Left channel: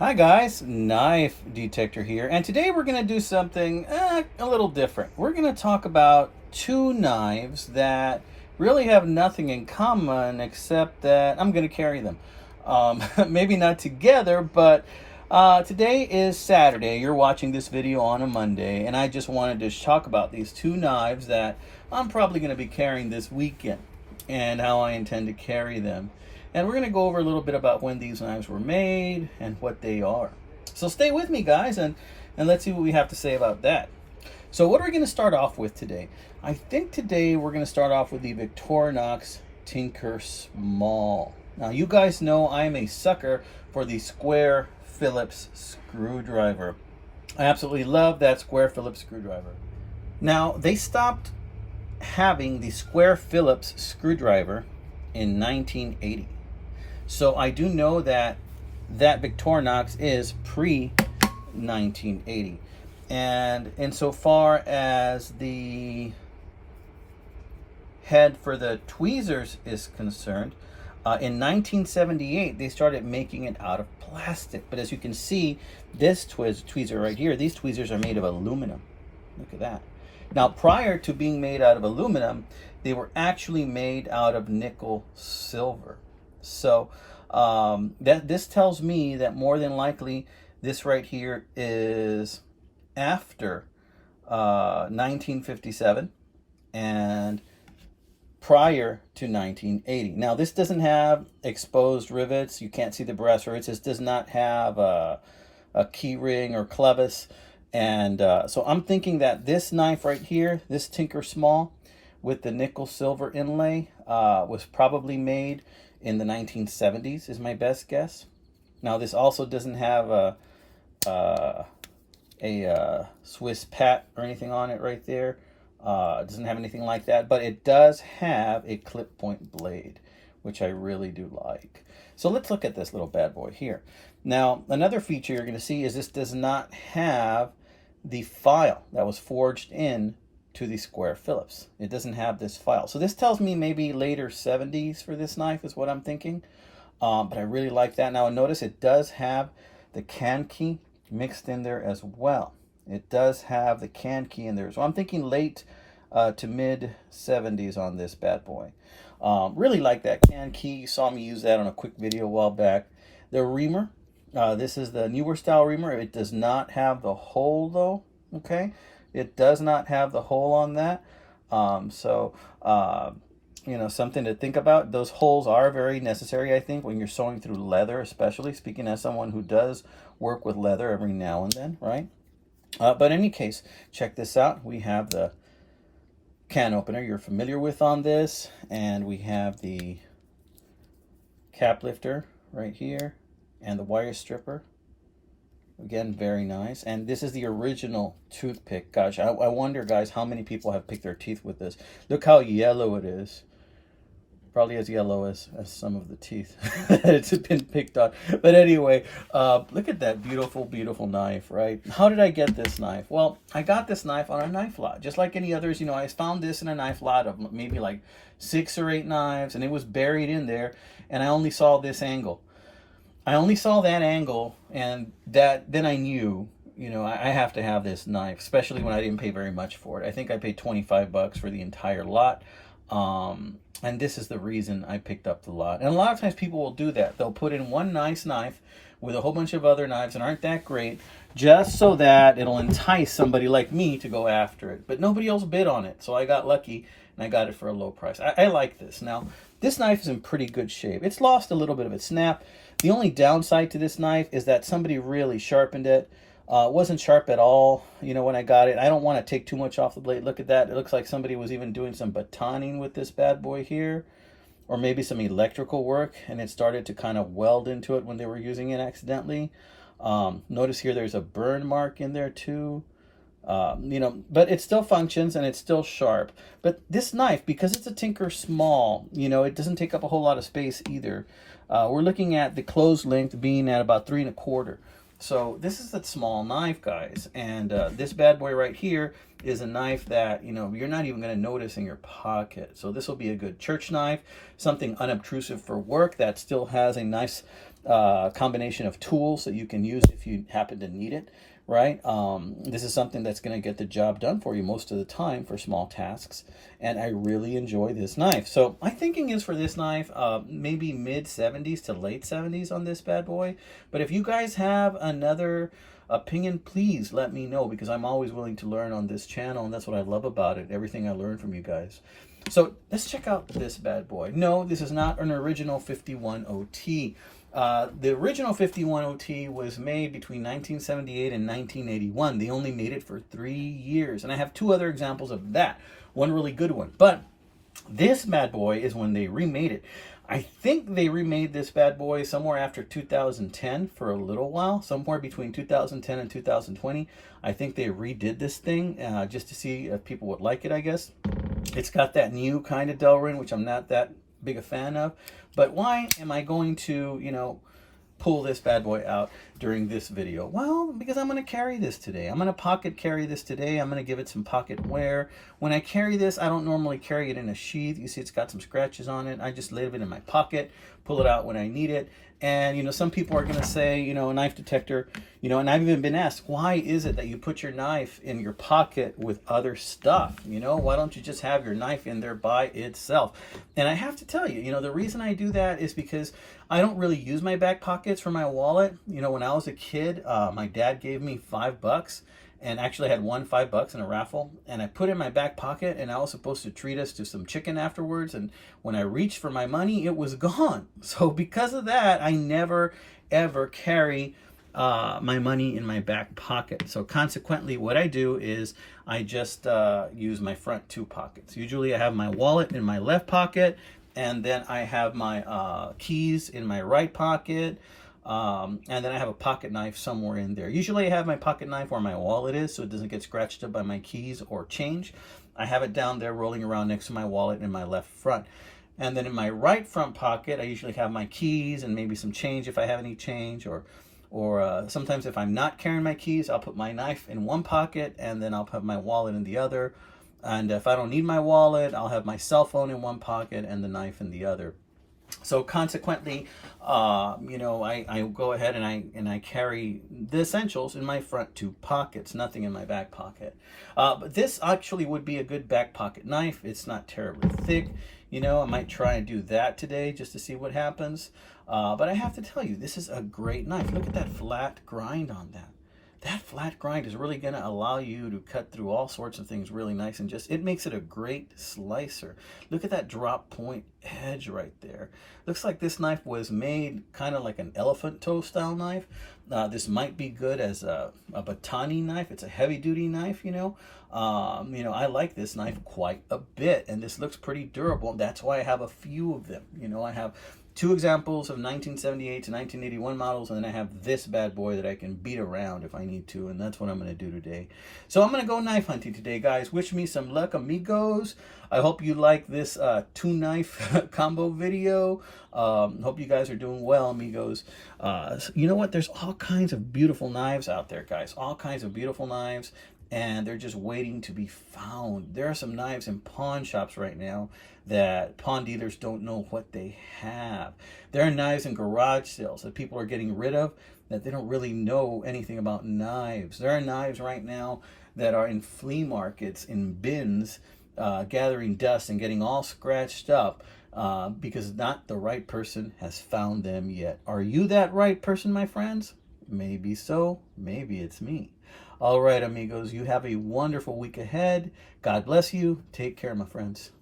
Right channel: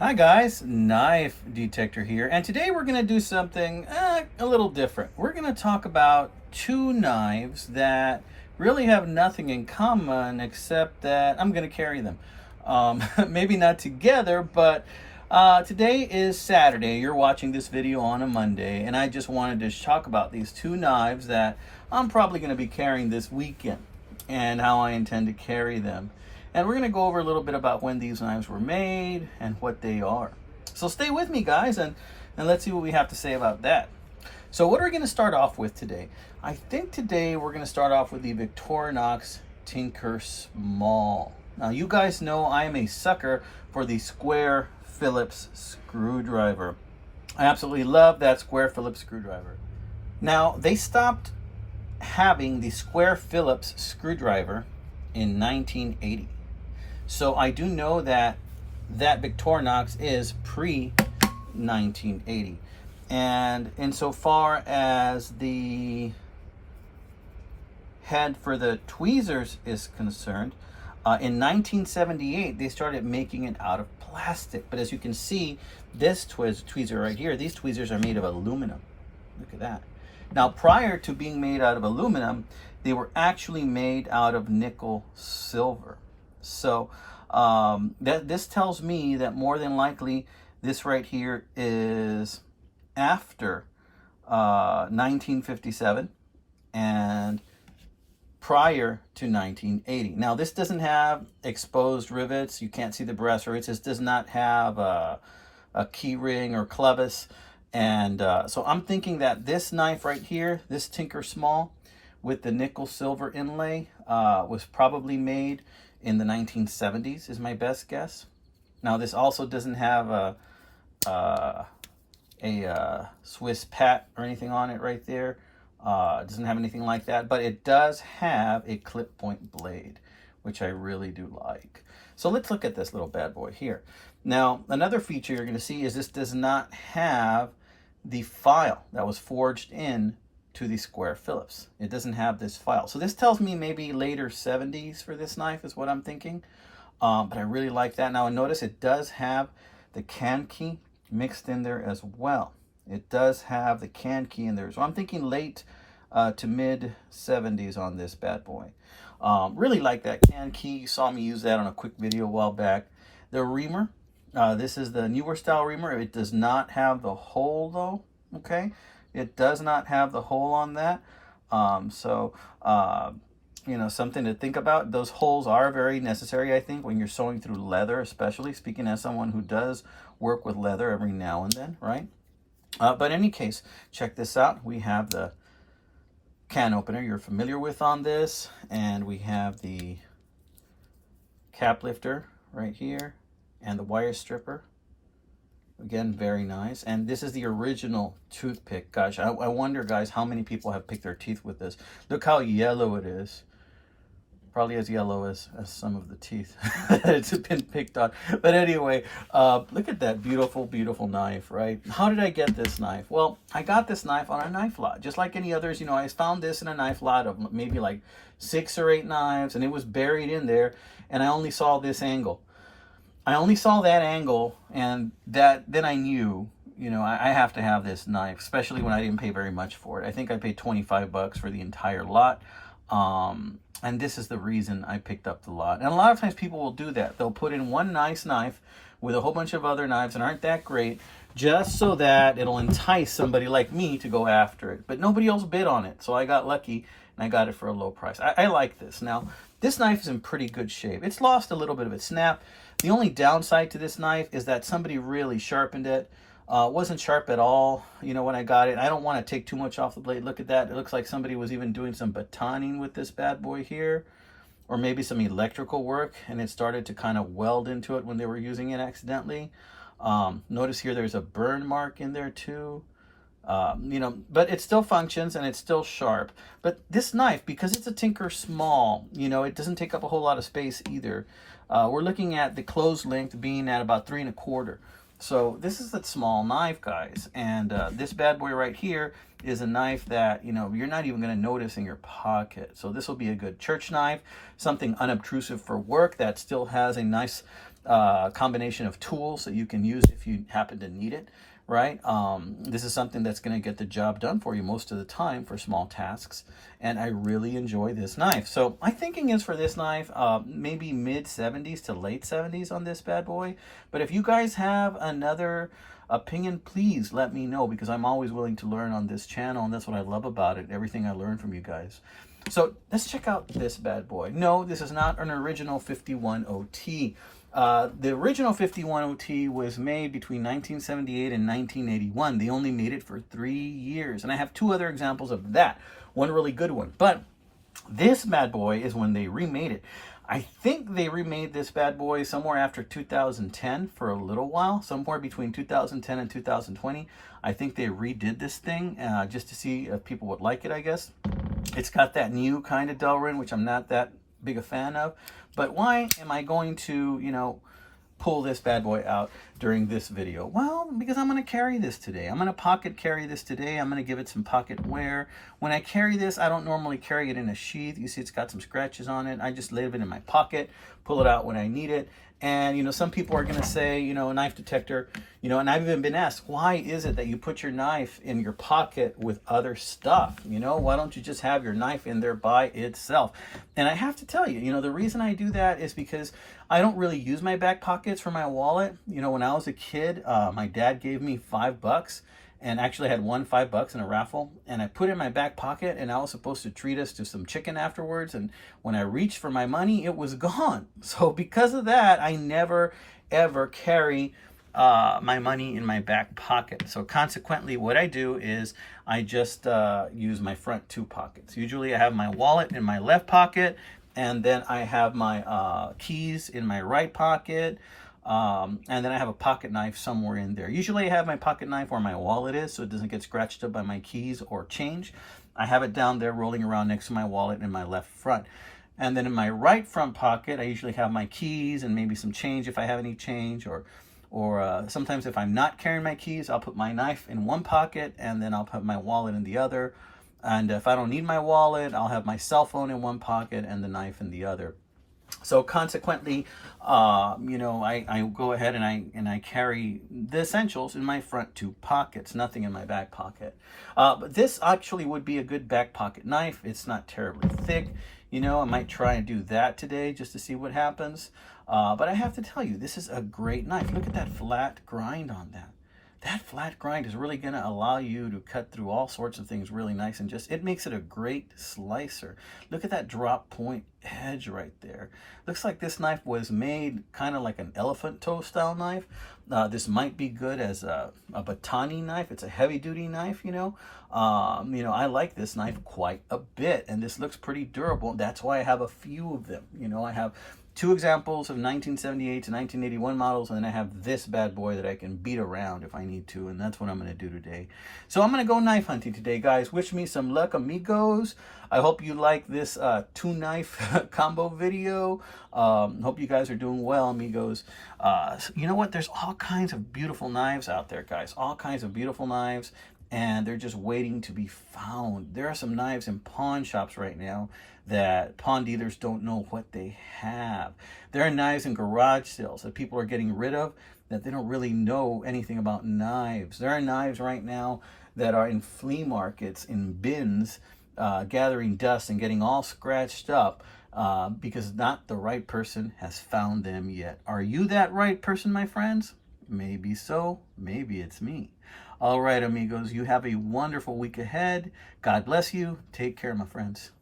Hi guys, Knife Detector here, and today we're going to do something a little different. We're going to talk about two knives that really have nothing in common except that I'm going to carry them. Maybe not together, but today is Saturday. You're watching this video on a Monday, and I just wanted to talk about these two knives that I'm probably going to be carrying this weekend and how I intend to carry them. And we're going to go over a little bit about when these knives were made and what they are. So stay with me, guys, and let's see what we have to say about that. So what are we going to start off with today? I think today we're going to start off with the Victorinox Tinker Small. Now, you guys know I am a sucker for the square Phillips screwdriver. I absolutely love that square Phillips screwdriver. Now, they stopped having the square Phillips screwdriver in 1980. So I do know that Victorinox is pre-1980. And insofar as the head for the tweezers is concerned, in 1978 they started making it out of plastic. But as you can see, this tweezer right here, these tweezers are made of aluminum. Look at that. Now, prior to being made out of aluminum, they were actually made out of nickel silver. So this tells me that more than likely this right here is after 1957 and prior to 1980. Now, this doesn't have exposed rivets. You can't see the brass rivets. This does not have a key ring or clevis. And so I'm thinking that this knife right here, this Tinker Small with the nickel silver inlay, was probably made in the 1970s is my best guess. Now, this also doesn't have a Swiss pat or anything on it right there. It doesn't have anything like that, but it does have a clip point blade, which I really do like. So let's look at this little bad boy here. Now, another feature you're going to see is this does not have the file that was forged in to the square Phillips. It doesn't have this file. So this tells me maybe later 70s for this knife is what I'm thinking. But I really like that. Now, notice it does have the can key mixed in there as well. It does have the can key in there. So I'm thinking late to mid 70s on this bad boy. Really like that can key. You saw me use that on a quick video a while back. The reamer. This is the newer style reamer. It does not have the hole though. Okay. It does not have the hole on that. You know, something to think about. Those holes are very necessary, I think, when you're sewing through leather, especially speaking as someone who does work with leather every now and then, right? But in any case, check this out. We have the can opener you're familiar with on this, and we have the cap lifter right here and the wire stripper. Again, very nice. And this is the original toothpick. Gosh, I wonder, guys, how many people have picked their teeth with this. Look how yellow it is. Probably as yellow as some of the teeth that it's been picked on. But anyway, look at that beautiful, beautiful knife, right? How did I get this knife? Well, I got this knife on a knife lot. Just like any others, you know, I found this in a knife lot of maybe like 6 or 8 knives, and it was buried in there, and I only saw this angle. I only saw that angle, and then I knew, you know, I have to have this knife, especially when I didn't pay very much for it. I think I paid 25 bucks for the entire lot. And this is the reason I picked up the lot. And a lot of times people will do that. They'll put in one nice knife with a whole bunch of other knives that aren't that great, just so that it'll entice somebody like me to go after it. But nobody else bid on it, so I got lucky and I got it for a low price. I like this. Now, this knife is in pretty good shape. It's lost a little bit of its snap. The only downside to this knife is that somebody really sharpened it. Wasn't sharp at all, you know, when I got it. I don't want to take too much off the blade. Look at that. It looks like somebody was even doing some batoning with this bad boy here, or maybe some electrical work, and it started to kind of weld into it when they were using it accidentally. Notice here there's a burn mark in there too. You know, but it still functions and it's still sharp. But this knife, because it's a Tinker Small, you know, it doesn't take up a whole lot of space either. We're looking at the closed length being at about 3 1/4. So this is a small knife, guys, and this bad boy right here is a knife that, you know, you're not even going to notice in your pocket. So this will be a good church knife, something unobtrusive for work that still has a nice combination of tools that you can use if you happen to need it, right? This is something that's going to get the job done for you most of the time for small tasks, and I really enjoy this knife. So my thinking is for this knife, maybe mid 70s to late 70s on this bad boy. But if you guys have another opinion, please let me know, because I'm always willing to learn on this channel, and that's what I love about it, everything I learn from you guys. So let's check out this bad boy. No, this is not an original 51OT. The original 51OT was made between 1978 and 1981. They only made it for 3 years, and I have 2 other examples of that. One really good one, but this bad boy is when they remade it. I think they remade this bad boy somewhere after 2010 for a little while, somewhere between 2010 and 2020. I think they redid this thing just to see if people would like it, I guess. It's got that new kind of Delrin, which I'm not that big a fan of. But why am I going to, you know, pull this bad boy out during this video? Well, because I'm going to carry this today. I'm going to pocket carry this today. I'm going to give it some pocket wear. When I carry this, I don't normally carry it in a sheath. You see it's got some scratches on it. I just leave it in my pocket, pull it out when I need it. And, you know, some people are going to say, you know, a knife detector, you know, and I've even been asked, why is it that you put your knife in your pocket with other stuff? You know, why don't you just have your knife in there by itself? And I have to tell you, you know, the reason I do that is because I don't really use my back pockets for my wallet. You know, when I was a kid, my dad gave me $5, and actually had won $5 in a raffle, and I put it in my back pocket, and I was supposed to treat us to some chicken afterwards, and when I reached for my money, it was gone. So because of that, I never ever carry my money in my back pocket. So consequently, what I do is I just use my front 2 pockets. Usually I have my wallet in my left pocket, and then I have my keys in my right pocket. And then I have a pocket knife somewhere in there. Usually I have my pocket knife where my wallet is, so it doesn't get scratched up by my keys or change. I have it down there rolling around next to my wallet in my left front. And then in my right front pocket, I usually have my keys and maybe some change if I have any change, or sometimes if I'm not carrying my keys, I'll put my knife in one pocket and then I'll put my wallet in the other. And if I don't need my wallet, I'll have my cell phone in one pocket and the knife in the other. So consequently, you know, I go ahead and I carry the essentials in my front 2 pockets, nothing in my back pocket. But this actually would be a good back pocket knife. It's not terribly thick. You know, I might try and do that today just to see what happens. But I have to tell you, this is a great knife. Look at that flat grind on that. That flat grind is really going to allow you to cut through all sorts of things really nice, and just, it makes it a great slicer. Look at that drop point edge right there. Looks like this knife was made kind of like an elephant toe style knife. This might be good as a batani knife. It's a heavy duty knife, you know. You know, I like this knife quite a bit, and this looks pretty durable. That's why I have a few of them. You know, I have 2 examples of 1978 to 1981 models, and then I have this bad boy that I can beat around if I need to, and that's what I'm going to do today. So I'm going to go knife hunting today, guys. Wish me some luck, amigos. I hope you like this 2-knife combo video. Hope you guys are doing well, amigos. You know what? There's all kinds of beautiful knives out there, guys. All kinds of beautiful knives, and they're just waiting to be found. There are some knives in pawn shops right now that pawn dealers don't know what they have. There are knives in garage sales that people are getting rid of that they don't really know anything about knives. There are knives right now that are in flea markets, in bins, gathering dust and getting all scratched up because not the right person has found them yet. Are you that right person, my friends? Maybe so. Maybe it's me. All right, amigos, you have a wonderful week ahead. God bless you. Take care, my friends.